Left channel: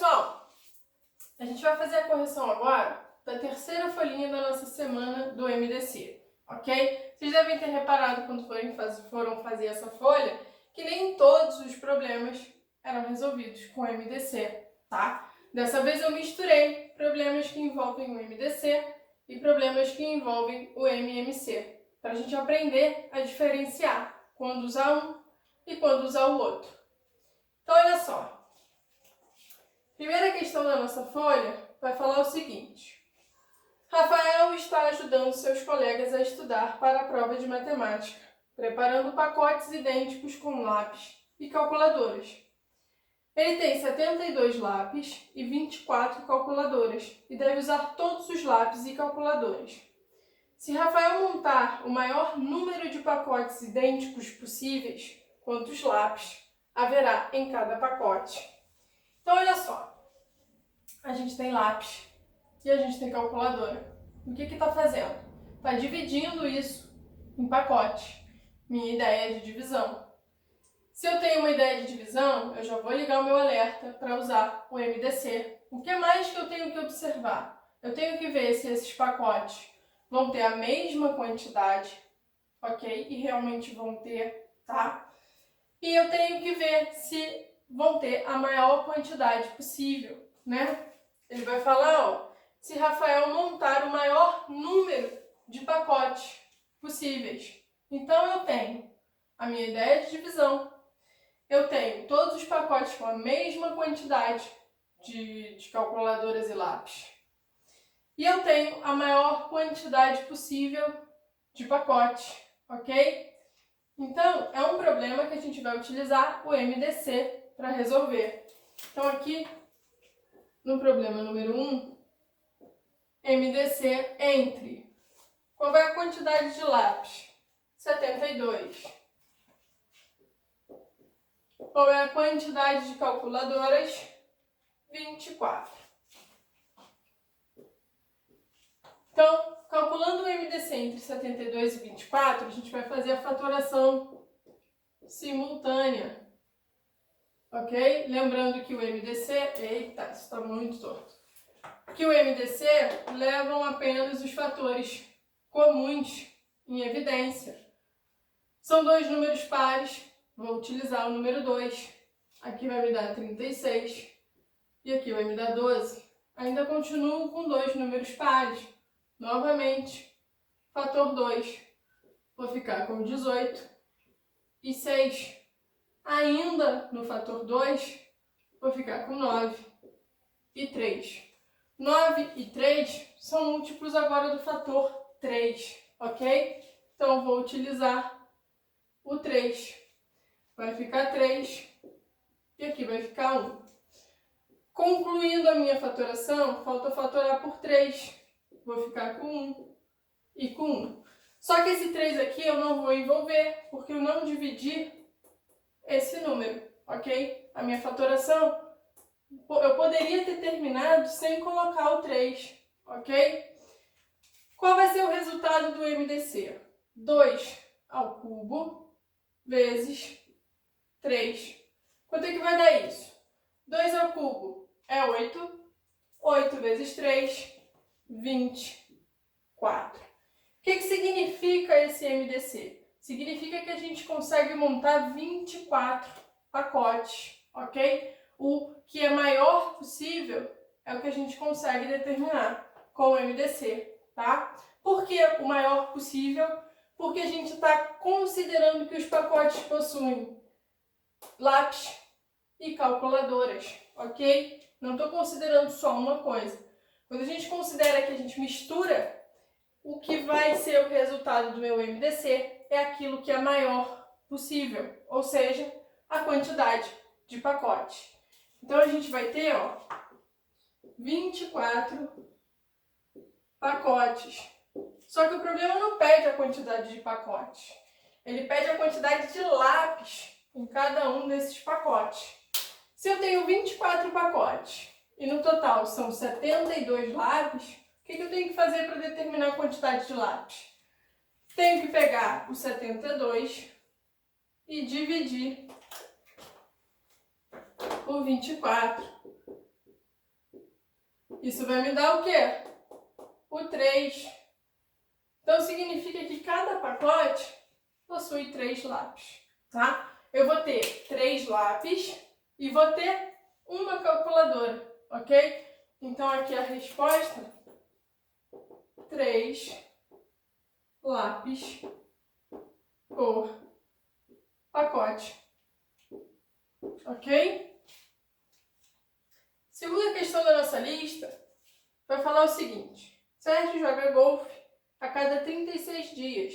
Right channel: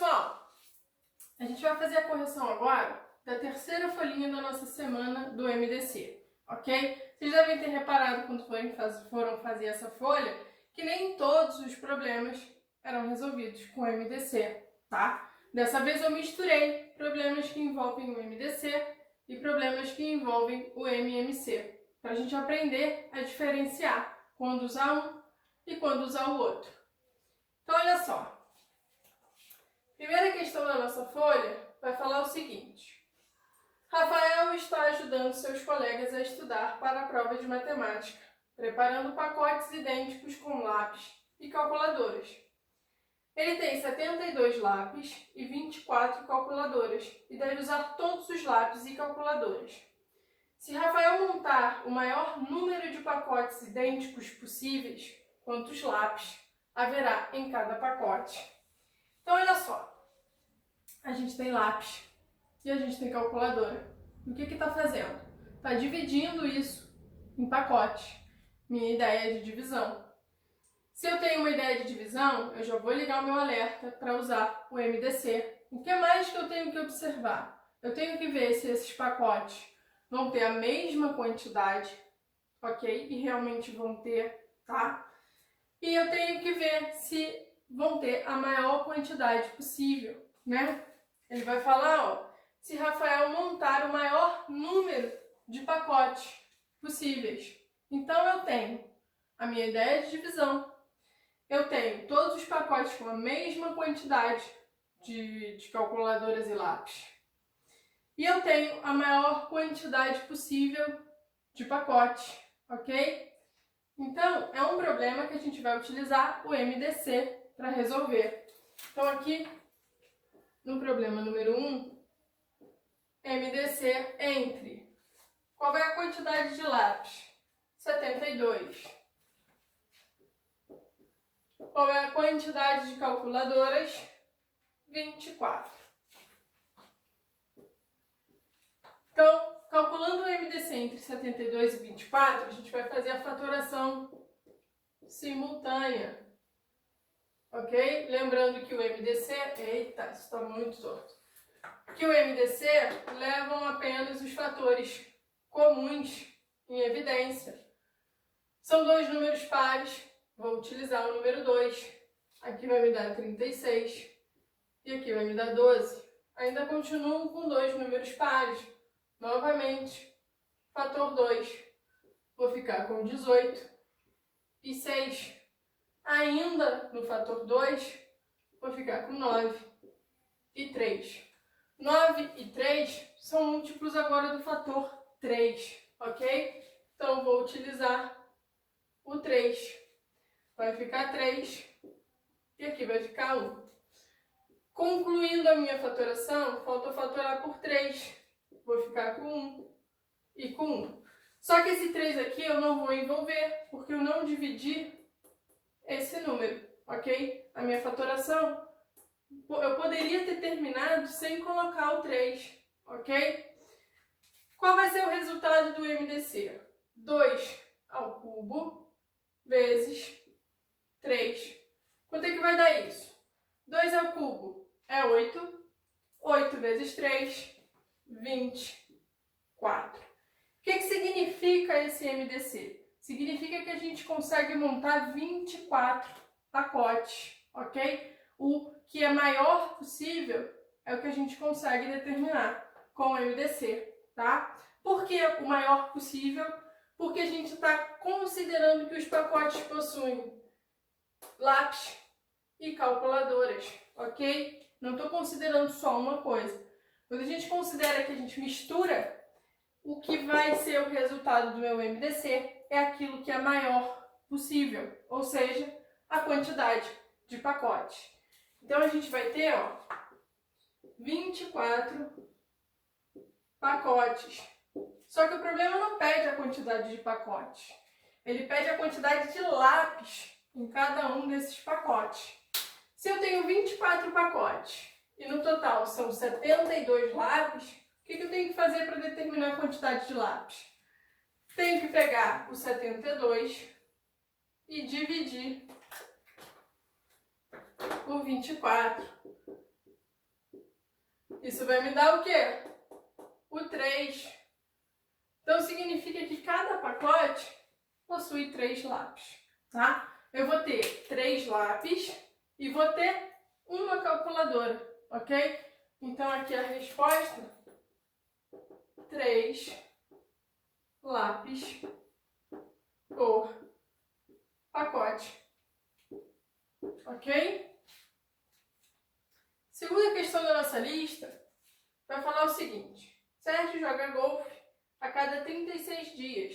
pessoal, a gente vai fazer a correção agora da terceira folhinha da nossa semana do MDC, ok? Vocês devem ter reparado quando foram fazer essa folha que nem todos os problemas eram resolvidos com o MDC, tá? Dessa vez eu misturei problemas que envolvem o MDC e problemas que envolvem o MMC, para a gente aprender a diferenciar quando usar um e quando usar o outro. Então, olha só. Primeira questão da nossa folha vai falar o seguinte: Rafael está ajudando seus colegas a estudar para a prova de matemática, preparando pacotes idênticos com lápis e calculadoras. Ele tem 72 lápis e 24 calculadoras e deve usar todos os lápis e calculadoras. Se Rafael montar o maior número de pacotes idênticos possíveis, quantos lápis haverá em cada pacote? Então, olha só. A gente tem lápis e a gente tem calculadora. O que está fazendo? Está dividindo isso em pacotes. Minha ideia de divisão. Se eu tenho uma ideia de divisão, eu já vou ligar o meu alerta para usar o MDC. O que mais que eu tenho que observar? Eu tenho que ver se esses pacotes vão ter a mesma quantidade, ok? E realmente vão ter, tá? E eu tenho que ver se vão ter a maior quantidade possível, né? Ele vai falar, ó, se Rafael montar o maior número de pacotes possíveis. Então, eu tenho a minha ideia de divisão, eu tenho todos os pacotes com a mesma quantidade de calculadoras e lápis. E eu tenho a maior quantidade possível de pacotes, ok? Então, é um problema que a gente vai utilizar o MDC para resolver. Então, aqui, no problema número 1, MDC entre. Qual é a quantidade de lápis? 72. Qual é a quantidade de calculadoras? 24. Então, calculando o MDC entre 72 e 24, a gente vai fazer a fatoração simultânea. Ok? Lembrando que o MDC... Eita, isso está muito torto. Que o MDC levam apenas os fatores comuns em evidência. São dois números pares, vou utilizar o número 2. Aqui vai me dar 36 e aqui vai me dar 12. Ainda continuo com dois números pares. Novamente, fator 2. Vou ficar com 18 e 6. Ainda no fator 2, vou ficar com 9 e 3. 9 e 3 são múltiplos agora do fator 3, ok? Então, vou utilizar o 3. Vai ficar 3 e aqui vai ficar 1. Concluindo a minha fatoração, falta fatorar por 3. Vou ficar com 1 e com 1. Só que esse 3 aqui eu não vou envolver, porque eu não dividi esse número, ok? A minha fatoração, eu poderia ter terminado sem colocar o 3, ok? Qual vai ser o resultado do MDC? 2 ao cubo vezes 3. Quanto é que vai dar isso? 2 ao cubo é 8. 8 vezes 3, 24. O que significa esse MDC? Significa que a gente consegue montar 24 pacotes, ok? O que é maior possível é o que a gente consegue determinar com o MDC, tá? Por que o maior possível? Porque a gente está considerando que os pacotes possuem lápis e calculadoras, ok? Não estou considerando só uma coisa. Quando a gente considera que a gente mistura, o que vai ser o resultado do meu MDC é aquilo que é maior possível, ou seja, a quantidade de pacotes. Então, a gente vai ter, ó, 24 pacotes. Só que o problema não pede a quantidade de pacotes. Ele pede a quantidade de lápis em cada um desses pacotes. Se eu tenho 24 pacotes e no total são 72 lápis, o que eu tenho que fazer para determinar a quantidade de lápis? Tenho que pegar o 72 e dividir por 24 Isso vai me dar o quê? O 3. Então, significa que cada pacote possui 3 lápis, tá? Eu vou ter 3 lápis e vou ter uma calculadora, ok? Então, aqui a resposta, 3 lápis por pacote, ok? Segunda questão da nossa lista vai falar o seguinte: Sérgio joga golfe a cada 36 dias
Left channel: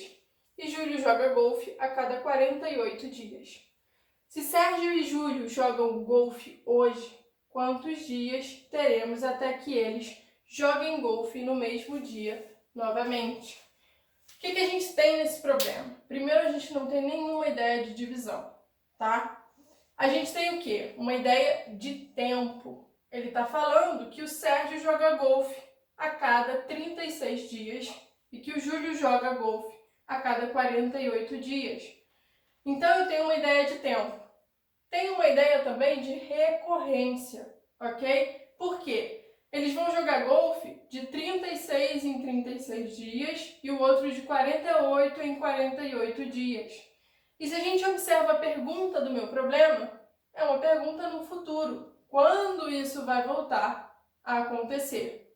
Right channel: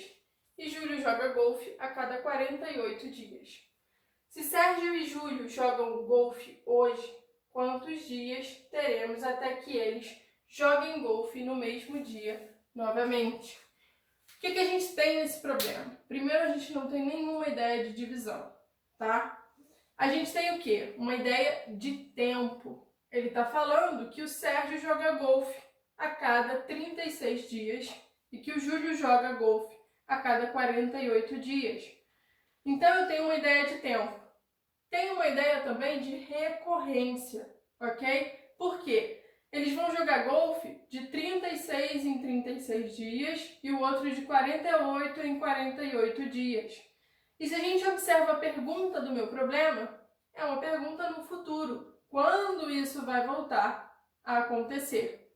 e Júlio joga golfe a cada 48 dias. Se Sérgio e Júlio jogam golfe hoje, quantos dias teremos até que eles joguem golfe no mesmo dia novamente? O que a gente tem nesse problema? Primeiro, a gente não tem nenhuma ideia de divisão, tá? A gente tem o quê? Uma ideia de tempo. Ele está falando que o Sérgio joga golfe a cada 36 dias e que o Júlio joga golfe a cada 48 dias. Então, eu tenho uma ideia de tempo. Tenho uma ideia também de recorrência, ok? Por quê? Eles vão jogar golfe de 36 em 36 dias e o outro de 48 em 48 dias. E se a gente observa a pergunta do meu problema, é uma pergunta no futuro. Quando isso vai voltar a acontecer?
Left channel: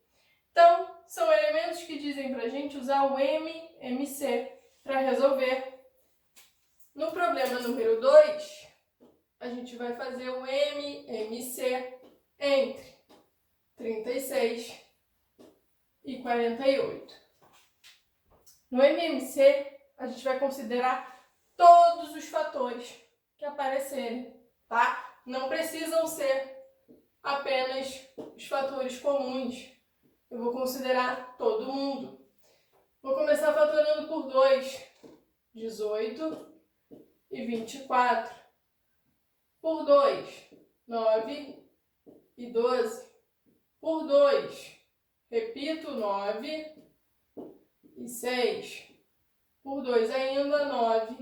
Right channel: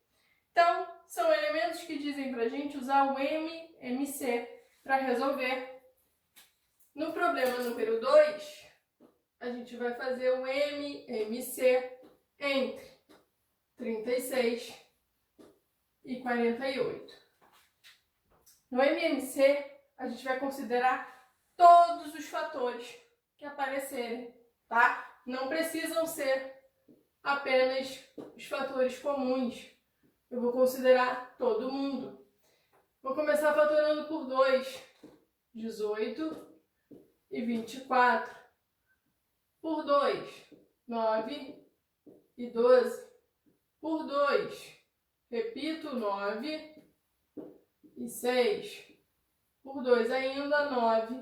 Então, são elementos que dizem para a gente usar o MMC para resolver. No problema número 2, a gente vai fazer o MMC entre 36 e 48. No MMC, a gente vai considerar todos os fatores que aparecerem, tá? Não precisam ser apenas os fatores comuns. Eu vou considerar todo mundo. Vou começar fatorando por 2, 18 e 24. Por 2, 9 e 12. Por 2, repito, 9 e 6. Por 2 ainda, 9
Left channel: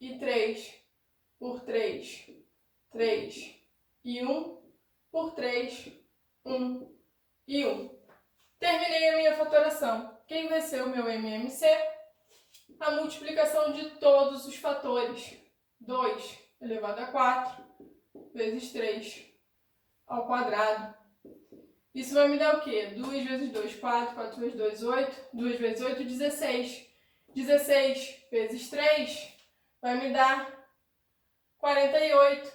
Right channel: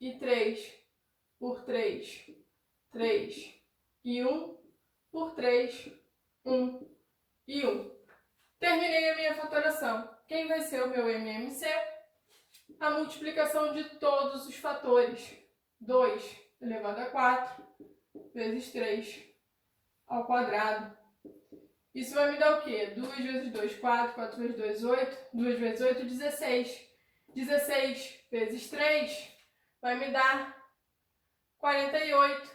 e 3. Por 3, 3 e 1. Por 3, 1 e 1. Terminei a minha fatoração. Quem vai ser o meu MMC? A multiplicação de todos os fatores. 2 elevado a 4 vezes 3 ao quadrado. Isso vai me dar o quê? 2 vezes 2, 4. 4 vezes 2, 8. 2 vezes 8, 16. 16 vezes 3 vai me dar 48.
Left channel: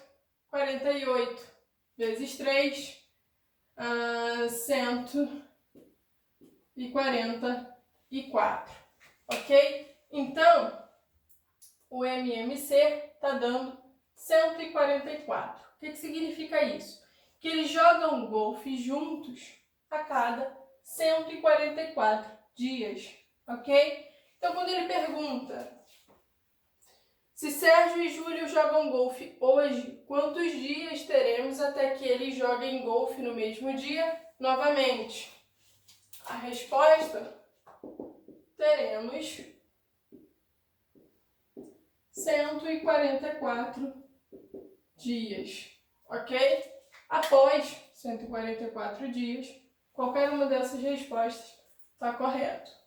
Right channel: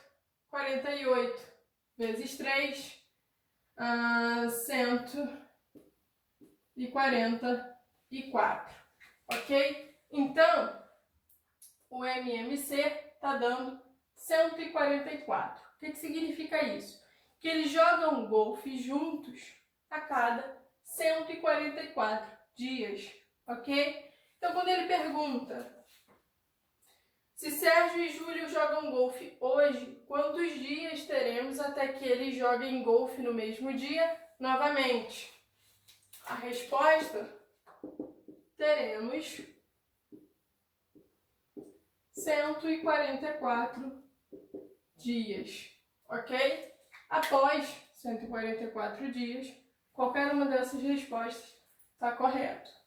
48 vezes 3, 144. Ok? Então, o MMC está dando 144. O que significa isso? Que eles jogam golfe juntos a cada 144 dias, ok? Então, quando ele pergunta se Sérgio e Júlio jogam golfe hoje, quantos dias teremos até que eles joguem golfe no mesmo dia novamente? A resposta, teremos 144 dias, ok? Após 144 dias, qualquer uma dessas respostas está correto.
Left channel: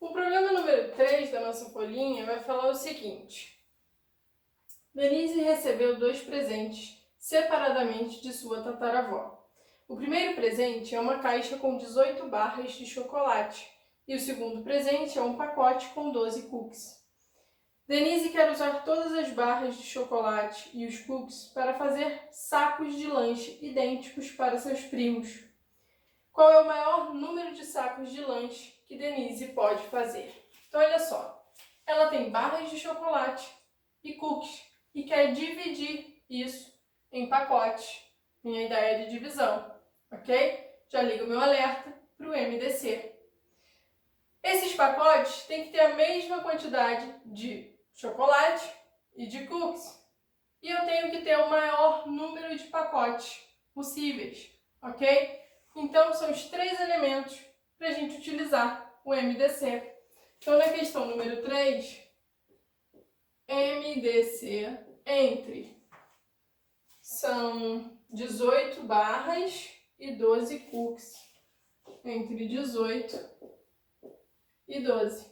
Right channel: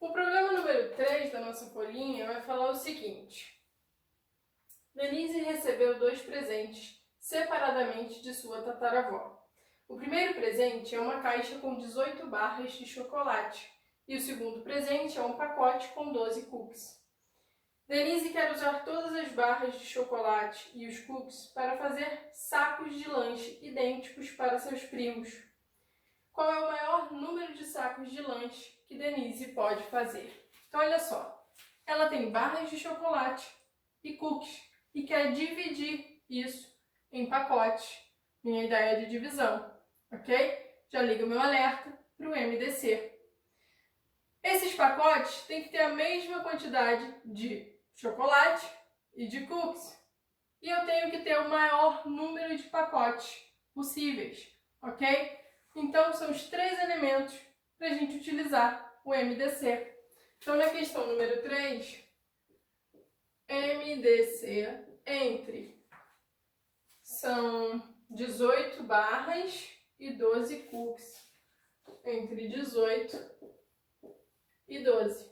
O problema número 3 da nossa folhinha vai falar o seguinte: Denise recebeu 2 presentes separadamente de sua tataravó. O primeiro presente é uma caixa com 18 barras de chocolate e o segundo presente é um pacote com 12 cookies. Denise quer usar todas as barras de chocolate e os cookies para fazer sacos de lanche idênticos para seus primos. Qual é o maior número de sacos de lanche que Denise pode fazer? Então, olha só. Ela tem barras de chocolate e cookies e quer dividir isso em pacotes. Minha ideia de divisão, ok? Já ligo o meu alerta para o MDC. Esses pacotes têm que ter a mesma quantidade de chocolate e de cookies. E eu tenho que ter o maior número de pacotes possíveis, ok? Então, são os 3 elementos para a gente utilizar o MDC. Então, na questão número 3, MDC entre são 18 barras e 12 cookies. Entre 18 e 12.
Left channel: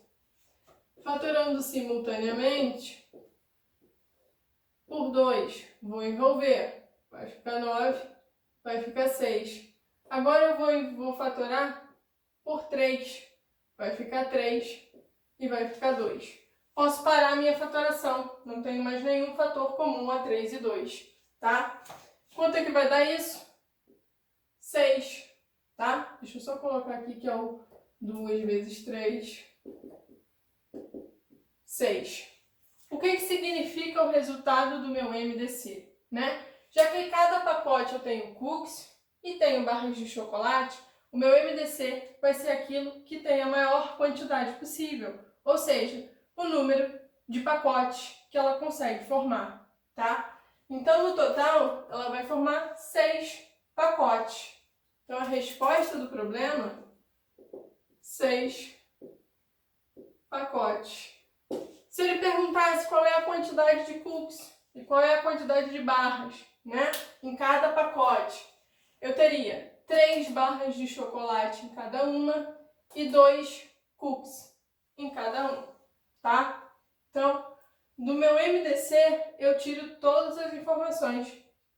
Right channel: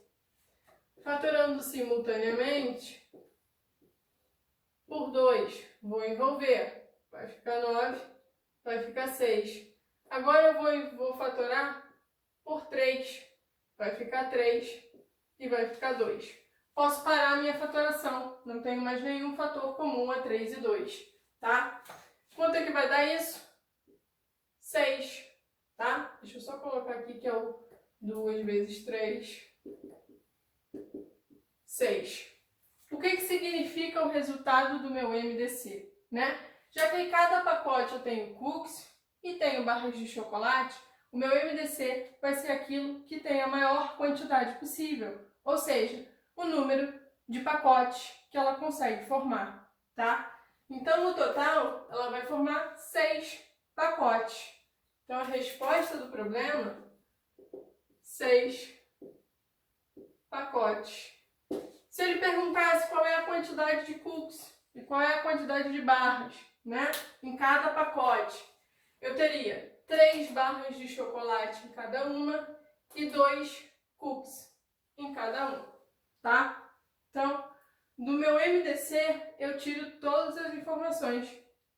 Fatorando simultaneamente por 2, vou envolver. Vai ficar 9, vai ficar 6. Agora eu vou fatorar por 3. Vai ficar 3 e vai ficar 2. Posso parar a minha fatoração. Não tenho mais nenhum fator comum a 3 e 2, tá? Quanto é que vai dar isso? 6, tá? Deixa eu só colocar aqui que é o 2 vezes 3, 6. O que significa o resultado do meu MDC, né? Já que em cada pacote eu tenho cookies e tenho barras de chocolate, o meu MDC vai ser aquilo que tem a maior quantidade possível, ou seja, o número de pacotes que ela consegue formar, tá? Então, no total, ela vai formar 6 pacotes. Então, a resposta do problema, 6 pacotes. Se ele perguntasse qual é a quantidade de cookies e qual é a quantidade de barras, né, em cada pacote, eu teria 3 barras de chocolate em cada uma e 2 cookies em cada um, tá? Então, do meu MDC, eu tiro todas as informações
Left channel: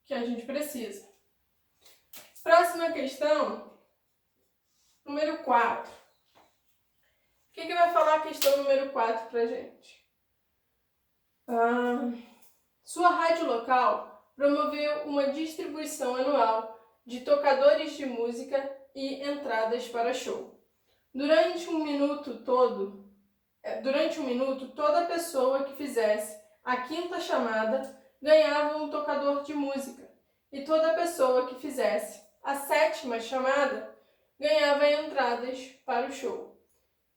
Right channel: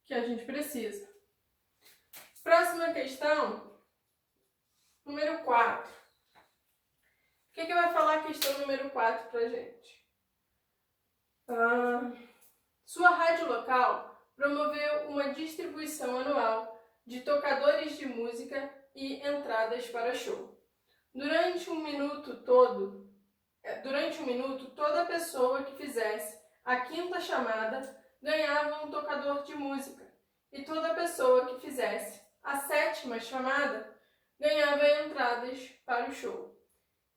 que a gente precisa. Próxima questão, número 4. O que vai falar a questão número 4 pra gente? Sua rádio local promoveu uma distribuição anual de tocadores de música e entradas para show. Durante um minuto, toda pessoa que fizesse a 5ª chamada ganhava um tocador de música, e toda pessoa que fizesse a 7ª chamada ganhava entradas para o show.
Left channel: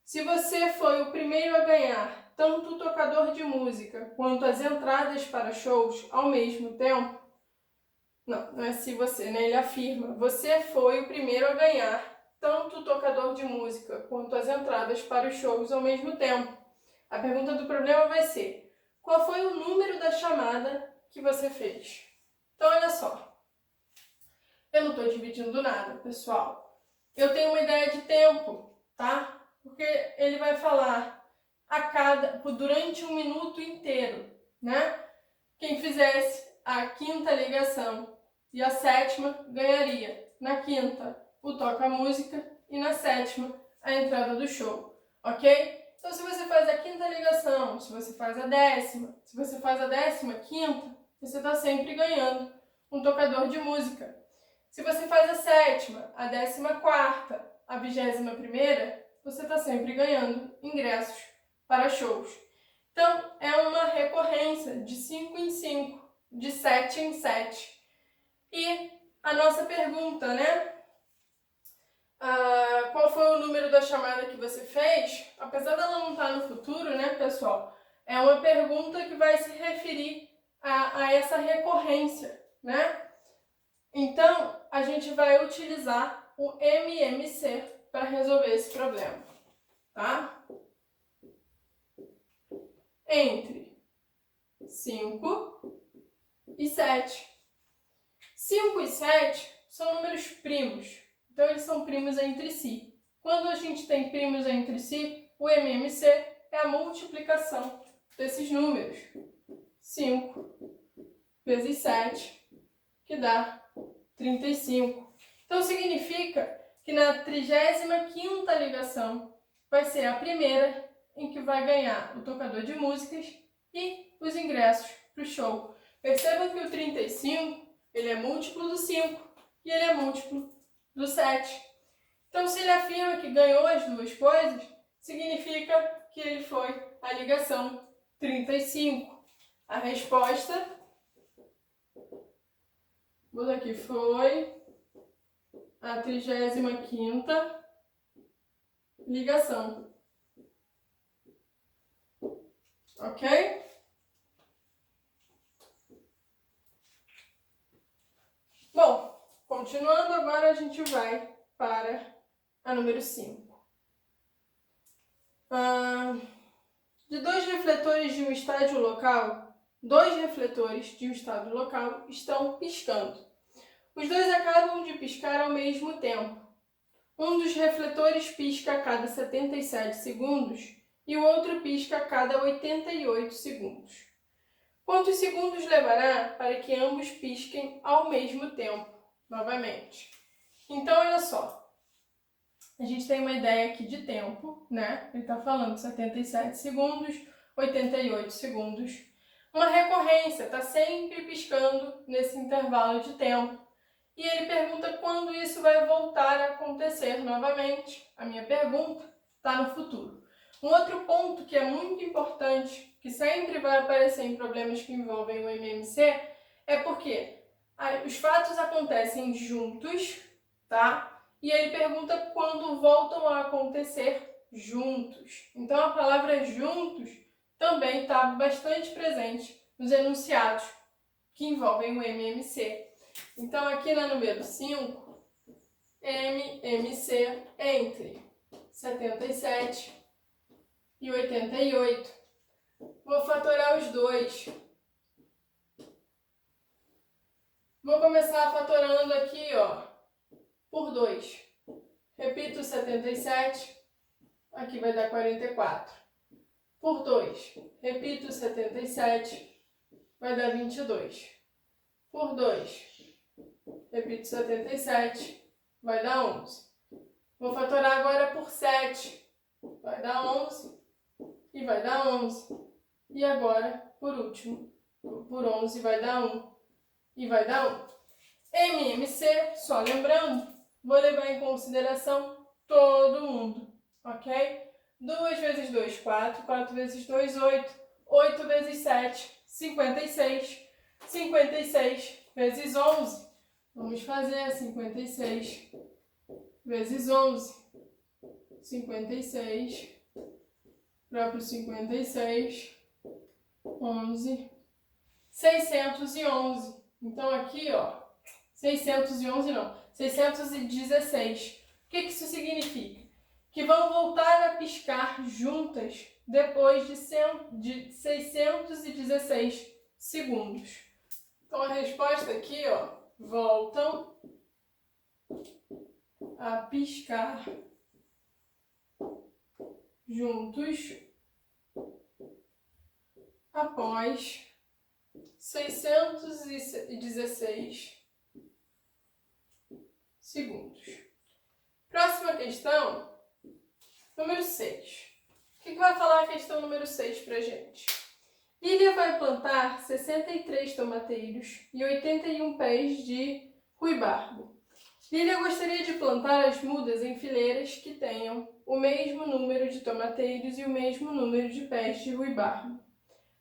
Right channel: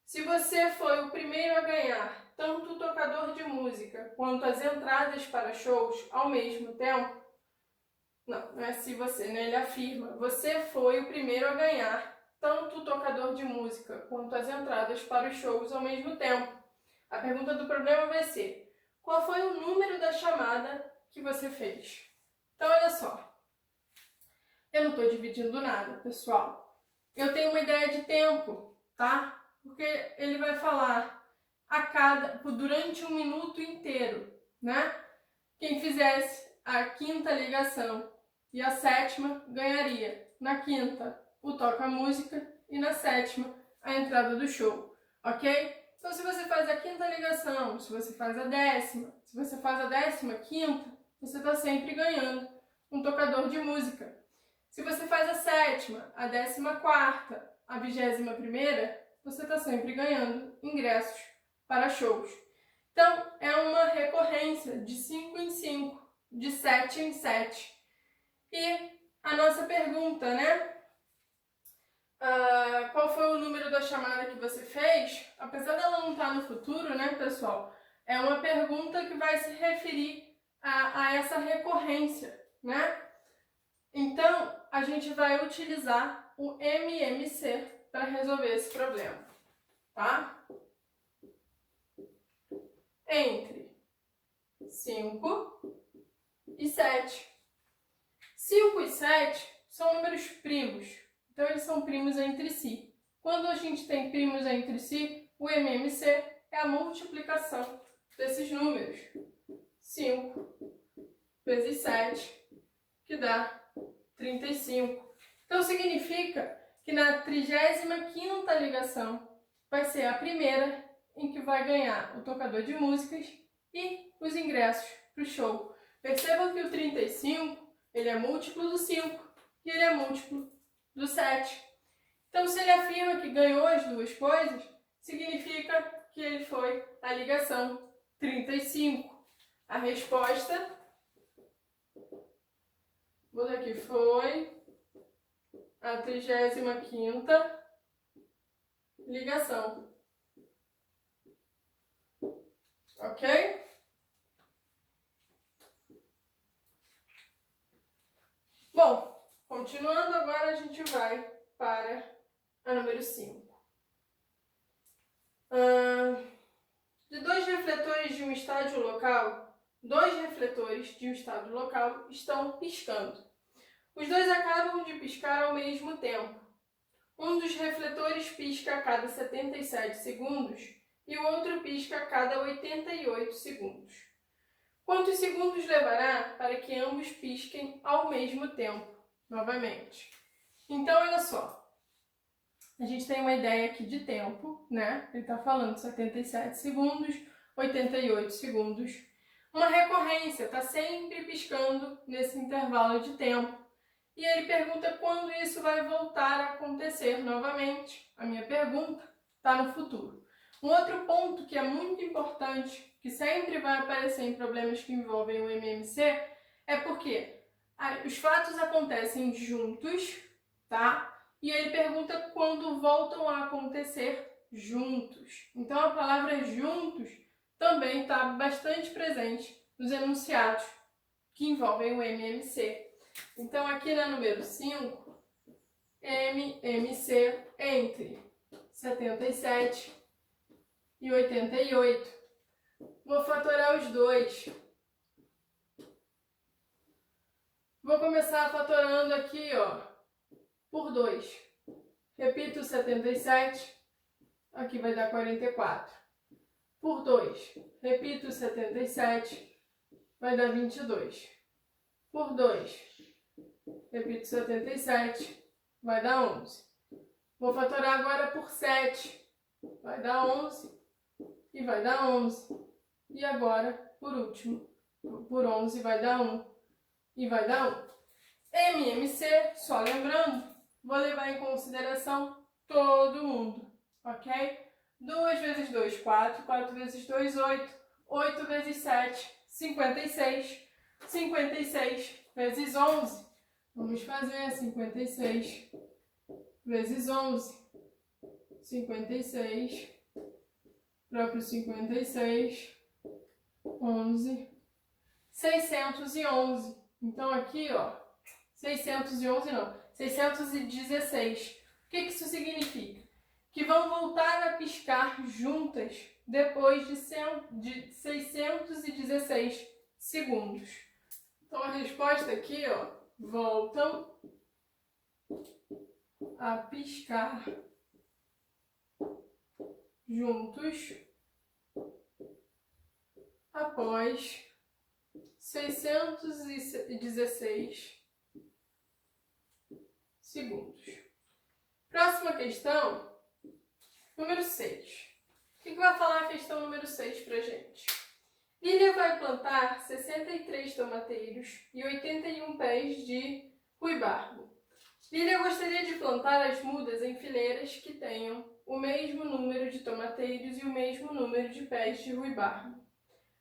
Se você foi o primeiro a ganhar tanto o tocador de música quanto as entradas para shows ao mesmo tempo, não é se você, né? Ele afirma, você foi o primeiro a ganhar tanto o tocador de música quanto as entradas para os shows ao mesmo tempo. A pergunta do problema vai ser, qual foi o número da chamada que você fez? Então, olha só, eu não estou dividindo nada, pessoal. Eu tenho uma ideia de tempo, tá? Porque ele vai falar durante um minuto inteiro, né? Quem fizesse a 5ª ligação e a 7ª ganharia. Na 5ª, o toca-música e na 7ª, a entrada do show, ok? Então, se você faz a 5ª ligação, se você faz a 10ª, se você faz a 15ª, você está sempre ganhando um tocador de música. Se você faz a 7ª, a 14ª, a 21ª, você está sempre ganhando ingressos para shows. Então, é uma recorrência de 5 em 5, de 7 em 7. E a nossa pergunta, né? Qual foi o número da chamada que você fez? Apesar dela não estar no futuro, né, pessoal? É uma pergunta que vai se referir a essa recorrência, né? Então, a gente vai utilizar o MMC para resolver esse problema, tá? Entre 5 e 7. 5 e 7 são números primos, então eles são primos entre si. Quando a gente tem primos entre si, o MMC é a multiplicação desses números. 5 vezes 7, que dá 35. Então significa que na 35ª ligação vai ser a primeira em que vai ganhar o tocador de músicas e os ingressos para o show. Percebam que o 35, ele é múltiplo do 5 e ele é múltiplo do 7. Então, se ele afirma que ganhou as duas coisas, significa que ele foi a ligação 35. A resposta, vou dar aqui, foi a 35ª ligação. Ok? Bom, continuando, agora a gente vai para a número 5. De 2 refletores de um estádio local, dois refletores de um estado local estão piscando. Os dois acabam de piscar ao mesmo tempo. Um dos refletores pisca a cada 77 segundos e o outro pisca a cada 88 segundos. Quantos segundos levará para que ambos pisquem ao mesmo tempo, novamente? Então, olha só. A gente tem uma ideia aqui de tempo, né? Ele está falando 77 segundos, 88 segundos. Uma recorrência, está sempre piscando nesse intervalo de tempo. E ele pergunta quando isso vai voltar a acontecer novamente. A minha pergunta está no futuro. Um outro ponto que é muito importante, que sempre vai aparecer em problemas que envolvem o MMC, é porque os fatos acontecem juntos, tá? E ele pergunta quando voltam a acontecer juntos. Então, a palavra juntos também está bastante presente nos enunciados que envolvem o MMC. Então, aqui na número 5, MMC entre 77 e 88. Vou fatorar os dois. Vou começar fatorando aqui, ó, por 2. Repito 77, aqui vai dar 44. Por 2, repito 77, vai dar 22. Por 2, repito 77, vai dar 11. Vou fatorar agora por 7, vai dar 11 e vai dar 11. E agora, por último, por 11 vai dar 1 e vai dar 1. MMC, só lembrando, vou levar em consideração todo mundo, ok? 2 vezes 2, 4. 4 vezes 2, 8. 8 vezes 7, 56. 56 vezes 11. Vamos fazer 56 vezes 11. 56. Próprio 56. 11. 611. Então aqui, ó. 611 não. 616. O que isso significa? Que vão voltar a piscar juntas depois de 616 segundos. Então, a resposta aqui, ó, voltam a piscar juntos após 616 segundos. Próxima questão. Número 6. O que vai falar a questão número 6 para a gente? Lília vai plantar 63 tomateiros e 81 pés de ruibarbo. Lília gostaria de plantar as mudas em fileiras que tenham o mesmo número de tomateiros e o mesmo número de pés de ruibarbo.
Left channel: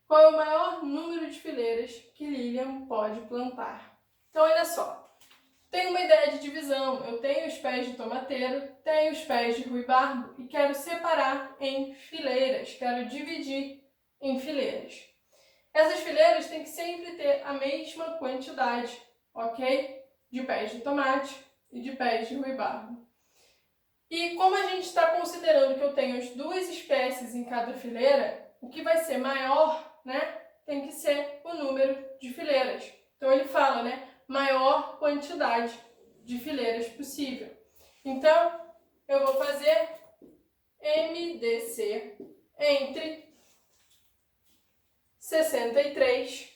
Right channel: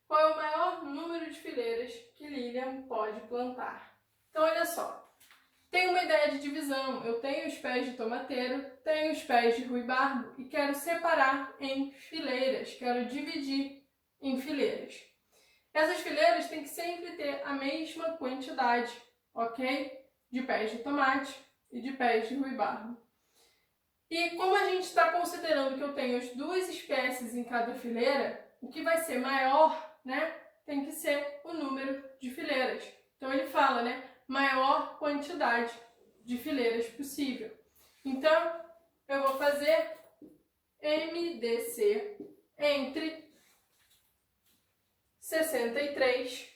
Qual é o maior número de fileiras que Lilian pode plantar? Então, olha só. Tenho uma ideia de divisão. Eu tenho os pés de tomateiro, tenho os pés de ruibarbo e quero separar em fileiras. Quero dividir em fileiras. Essas fileiras têm que sempre ter a mesma quantidade, ok? De pés de tomate e de pés de ruibarbo. E como a gente está considerando que eu tenho as duas espécies em cada fileira, o que vai ser maior, né? Tem que ser o número de fileiras. Então ele fala, né? Maior quantidade de fileiras possível. Então, eu vou fazer MDC entre 63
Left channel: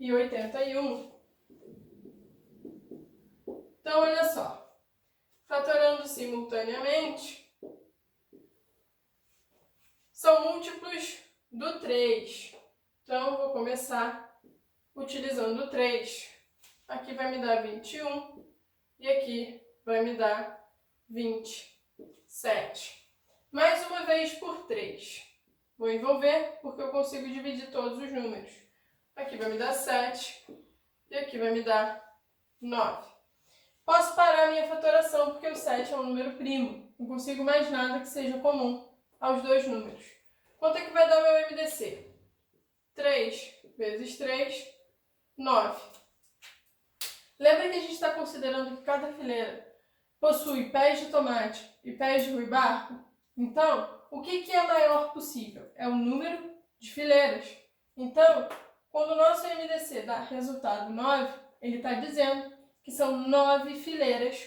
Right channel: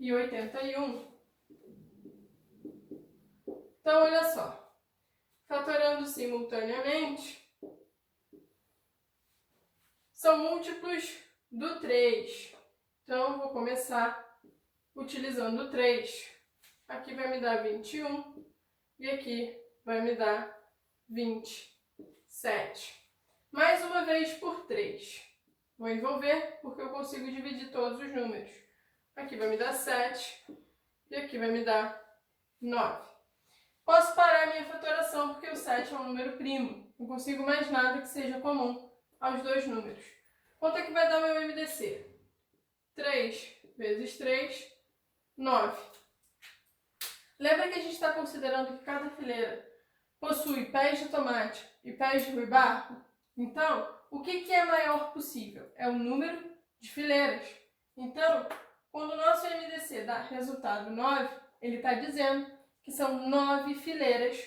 e 81. Então, olha só. Fatorando simultaneamente, são múltiplos do 3. Então, vou começar utilizando o 3. Aqui vai me dar 21 e aqui vai me dar 27. Mais uma vez por 3. Vou envolver porque eu consigo dividir todos os números. Aqui vai me dar 7 e aqui vai me dar 9. Posso parar a minha fatoração porque o 7 é um número primo. Não consigo mais nada que seja comum aos dois números. Quanto é que vai dar meu MDC? 3 vezes 3, 9. Lembra que a gente está considerando que cada fileira possui pés de tomate e pés de ruibarbo? Então, o que é maior possível? É o número de fileiras. Então, Quando o nosso MDC dá resultado 9, ele está dizendo que são 9 fileiras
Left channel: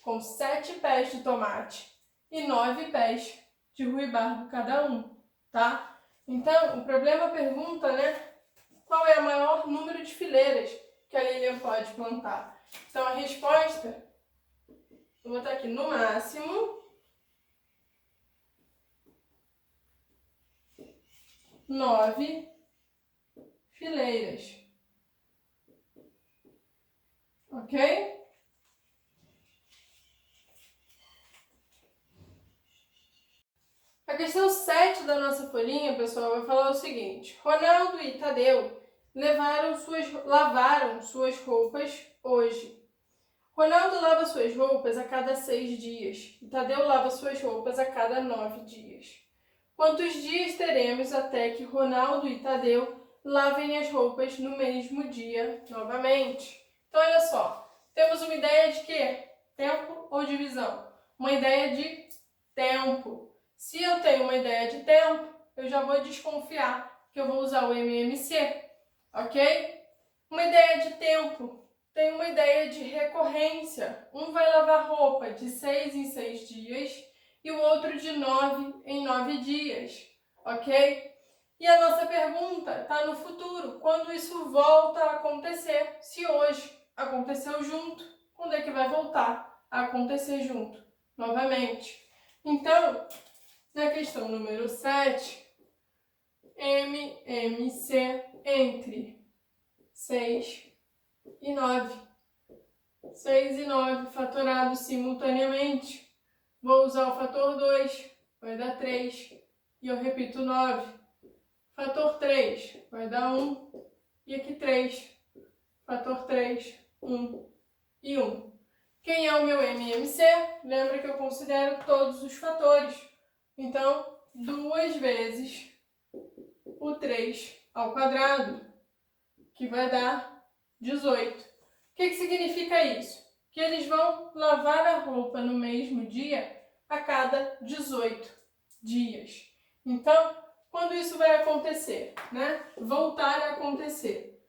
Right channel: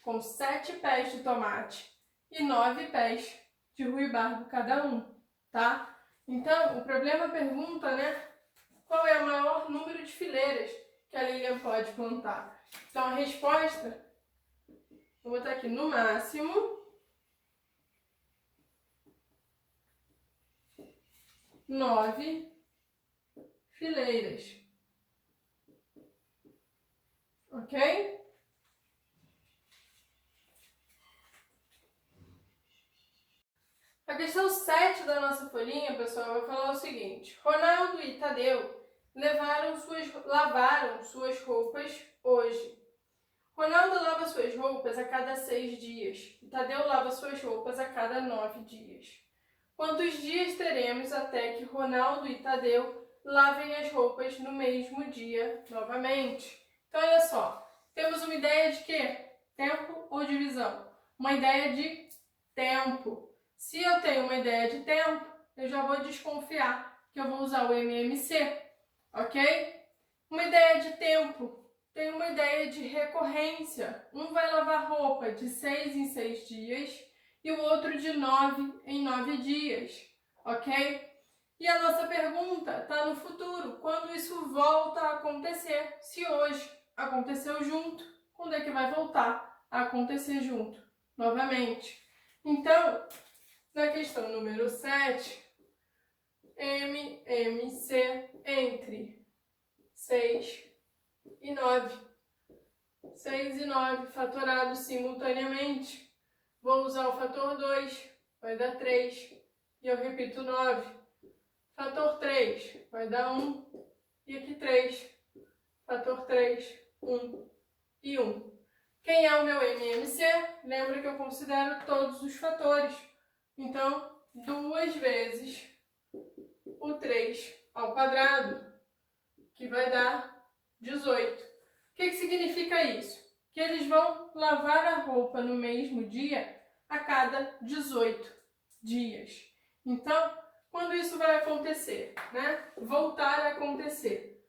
com 7 pés de tomate e 9 pés de ruibarbo cada um, tá? Então, o problema pergunta, né, qual é o maior número de fileiras que a Lilian pode plantar. Então, a resposta, vou botar aqui no máximo 9 fileiras. Ok? A questão 7 da nossa folhinha, pessoal, vai falar o seguinte. Ronaldo e Tadeu lavaram suas roupas hoje. Ronaldo lava suas roupas a cada 6 dias e Tadeu lava suas roupas a cada 9 dias. Quantos dias teremos até que Ronaldo e Tadeu lavem as roupas no mesmo dia novamente? Então, olha só, temos uma ideia de quê? Tempo ou divisão? Uma ideia de tempo. Se eu tenho uma ideia de tempo, eu já vou desconfiar que eu vou usar o MMC, ok? Uma ideia de tempo, tem uma ideia de recorrência. Um vai lavar roupa de 6 em 6 dias e o outro de 9 em 9 dias, ok? E a nossa pergunta está no futuro, quando isso volta a acontecer? Se hoje aconteceu junto, quando é que vai voltar a acontecer junto? Novamente. Então, na questão número 7, MMC entre 6 e 9. 6 e 9 fatorados simultaneamente. Vou usar o fator 2, vai dar 3. E eu repito 9. Fator 3 vai dar 1. E aqui 3. Fator 3, 1 e 1. Quem é o meu MMC? Lembra que eu considero todos os fatores. Então, 2 vezes o 3 ao quadrado, que vai dar 18. O que significa isso? Que eles vão lavar a roupa no mesmo dia a cada 18 dias. Então, quando isso vai acontecer, né? Voltar a acontecer.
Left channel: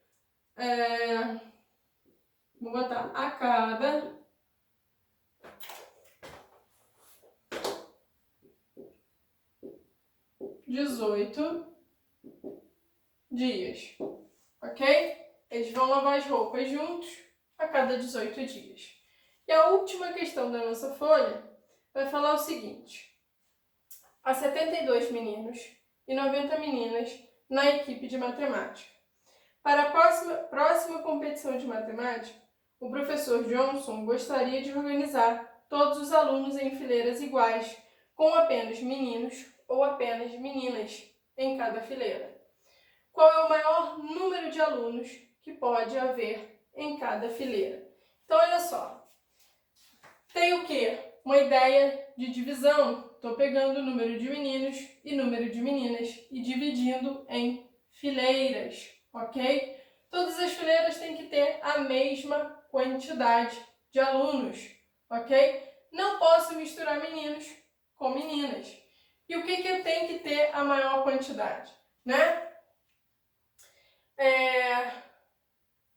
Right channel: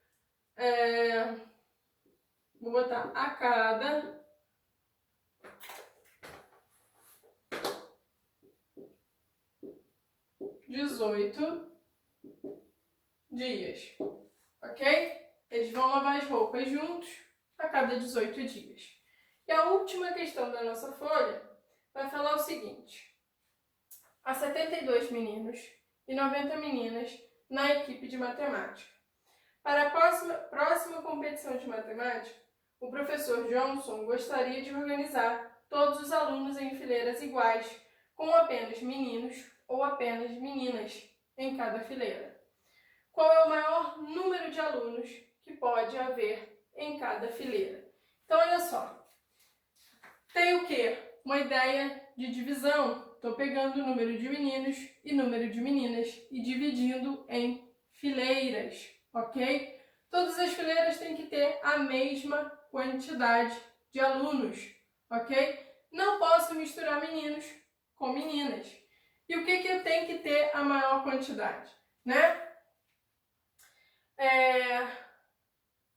Vou botar a cada 18 dias, ok? Eles vão lavar as roupas juntos a cada 18 dias. E a última questão da nossa folha vai falar o seguinte. Há 72 meninos e 90 meninas na equipe de matemática. Para a próxima competição de matemática, o professor Johnson gostaria de organizar todos os alunos em fileiras iguais, com apenas meninos ou apenas meninas em cada fileira. Qual é o maior número de alunos que pode haver em cada fileira? Então, olha só. Tem o quê? Uma ideia de divisão. Estou pegando o número de meninos e número de meninas e dividindo em fileiras, ok? Todas as fileiras têm que ter a mesma quantidade de alunos, ok? Não posso misturar meninos com meninas. E o que eu tenho que ter a maior quantidade, né?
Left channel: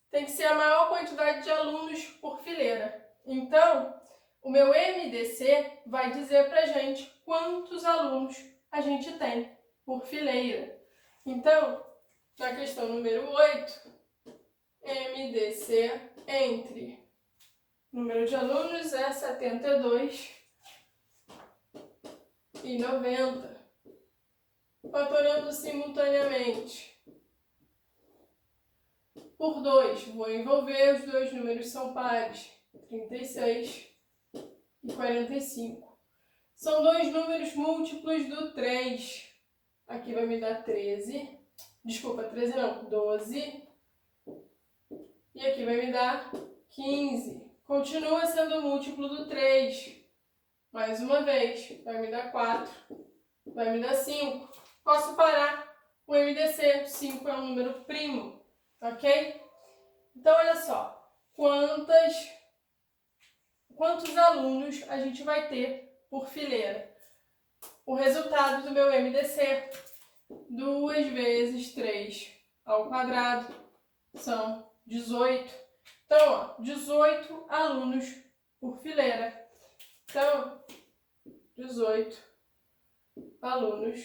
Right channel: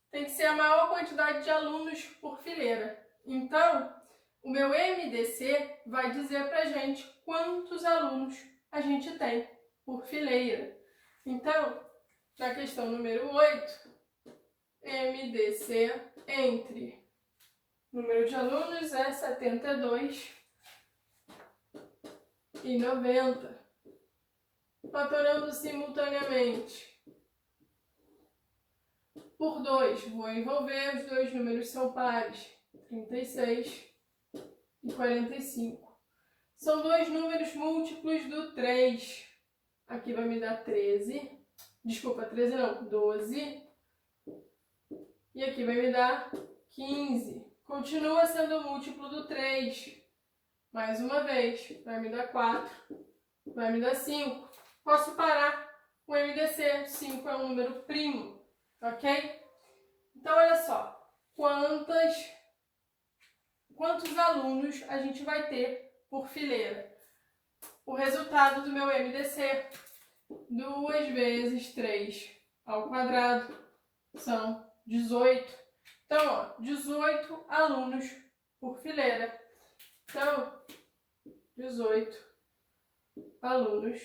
Tem que ser a maior quantidade de alunos por fileira. Então, o meu MDC vai dizer pra gente quantos alunos a gente tem por fileira. Então, na questão número 8, MDC entre número de alunos é 72 e 90. Fatorando simultaneamente por 2, vou envolver, os dois números são pares, 36 e 45. São dois números múltiplos do 3. Aqui vai me dar 13. Desculpa, 13 não, 12. E aqui vai me dar 15. Continua sendo múltiplo do 3. Mais uma vez, vai me dar 4. Vai me dar 5. Posso parar o MDC. 5 é um número primo, ok? Então, olha só. Quantos alunos a gente vai ter por fileira? O resultado do meu MDC, 2 vezes 3 ao quadrado são 18. Então, ó, 18 alunos por fileira. Então, 18 alunos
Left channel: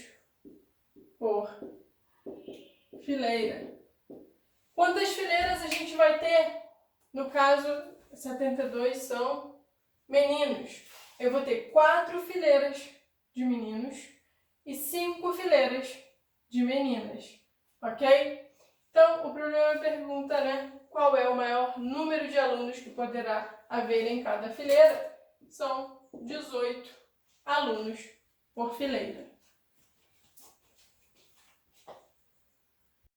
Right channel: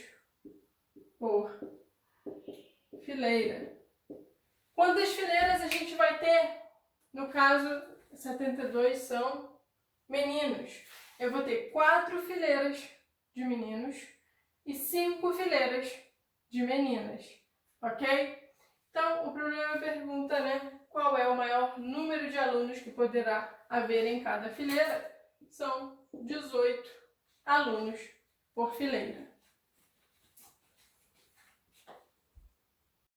por fileira. Quantas fileiras a gente vai ter? No caso, 72 são meninos. Eu vou ter 4 fileiras de meninos e 5 fileiras de meninas, ok? Então, o problema pergunta, né, qual é o maior número de alunos que poderá haver em cada fileira? São 18 alunos por fileira.